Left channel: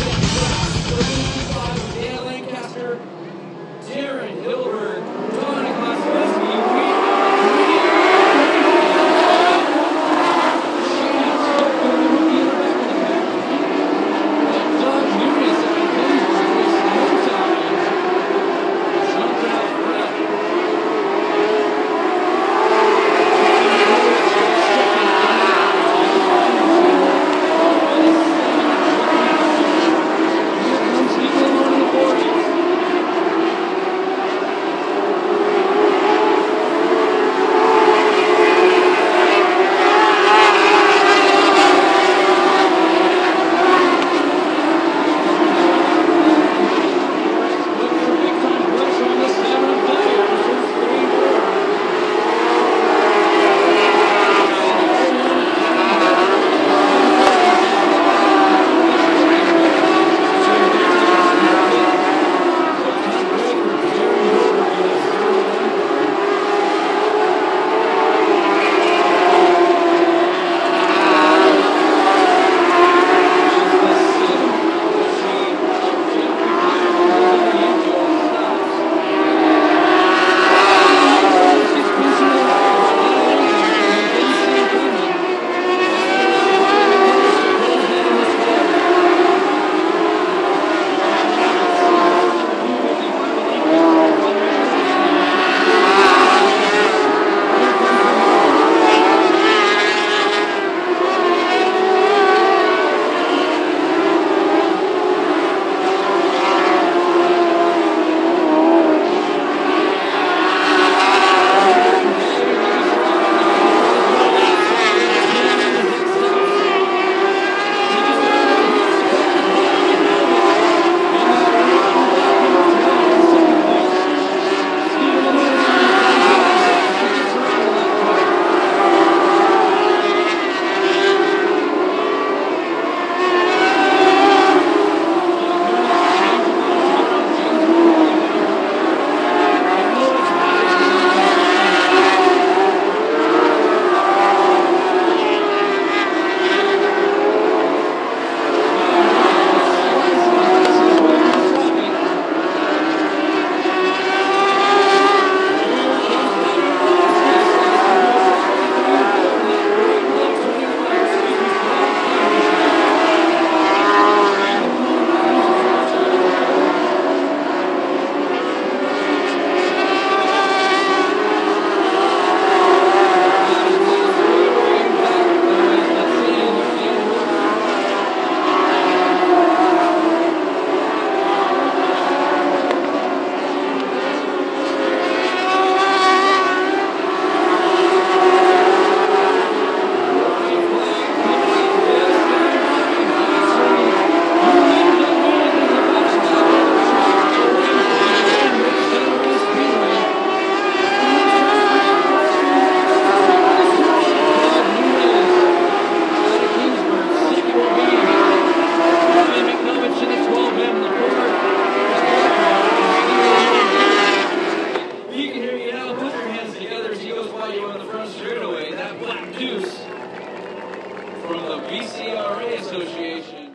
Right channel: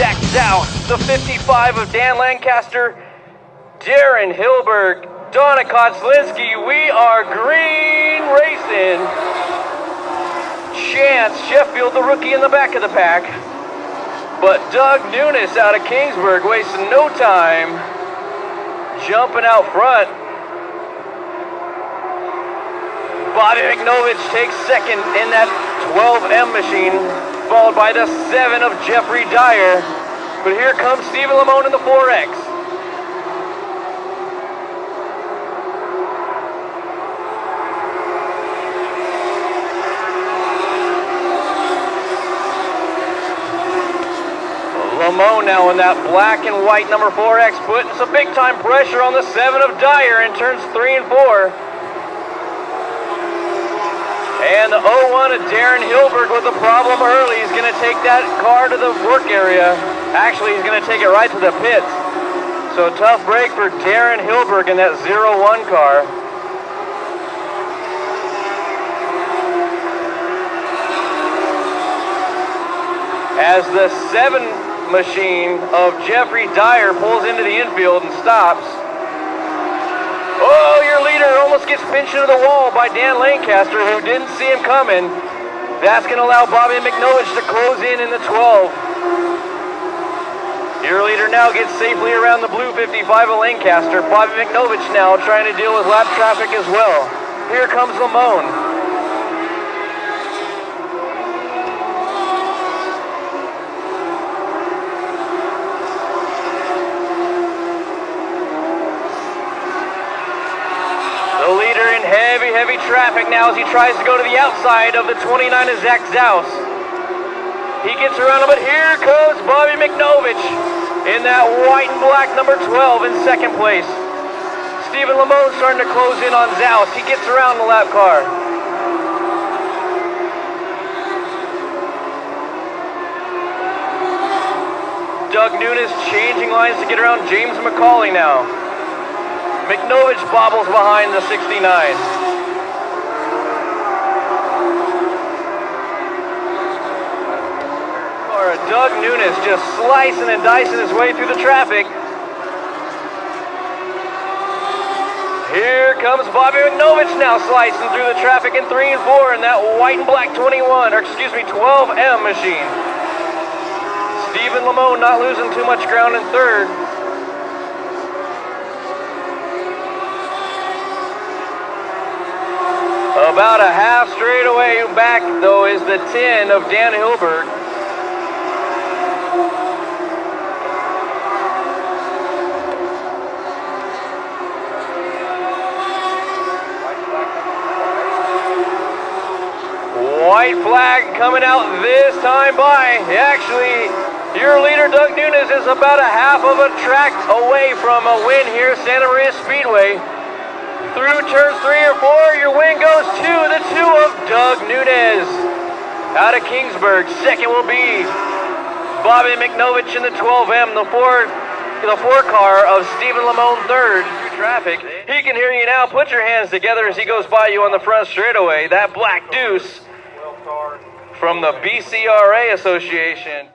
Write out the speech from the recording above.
Zach South, the 55 of Dan Lancaster, Darren Hilberg, Donna Konslinski. We are green racing. Chance Sheffield, the rookie in the back of the pack. But Doug Nunes out of Kingsburg wasting no time, jumping out front. Bobby McNovich takes second in that 12M machine, followed by the 7 of Jeffrey Dyer. But here comes Stephen Lamone in the 4X. Lamone now with that black and white number 4X, putting some big time pressure on the 7 of Dyer in turns 3 and 4. And the 01 of Darren Hilbert with a problem early. He's going to take that car to the work area. Actually, he's going to take it right to the pit. So a tough break for Darren Hilbert in that 01 car. As the 7 machine of Jeffrey Dyer pulls into the infield and stops. Oh, your leader almost gets pinched into the wall by Dan Lancaster, but didn't see him coming. That's going to allow Bobby McNovich to close in the 12. Your leader now gets safely around the blue 55 of Lancaster. Bobby McNovich now trying to deal with last traffic as well. Here comes Lamone. Now as he tries to go to the outside of the 29 of Zach Zaus. He gets around him, but here comes Bobby McNovich in that white and black number 12 in second place. Stephen Lamone starting to close in on Zaus. He gets around the lap car. Doug Nunes changing lines to get around James McCauley now. McNovich bobbles behind the 69. Doug Nunes just slicing and dicing his way through the traffic. Here comes Bobby McNovich now slicing through the traffic in 3 and 4 in that white and black 12M machine. Stephen Lamone not losing too much ground in third. About a half straightaway back though is the 10 of Dan Hilbert. White flag coming out this time by. Actually, your leader, Doug Nunes, is about a half of a track away from a win here at Santa Maria Speedway. Through turn 3 or 4, your win goes to the 2 of Doug Nunes out of Kingsburg. Second will be Bobby McNovich in the 12M, the four car of Stephen Lamone third. Traffic. He can hear you now. Put your hands together as he goes by you on the front straightaway. That black deuce from the BCRA Association.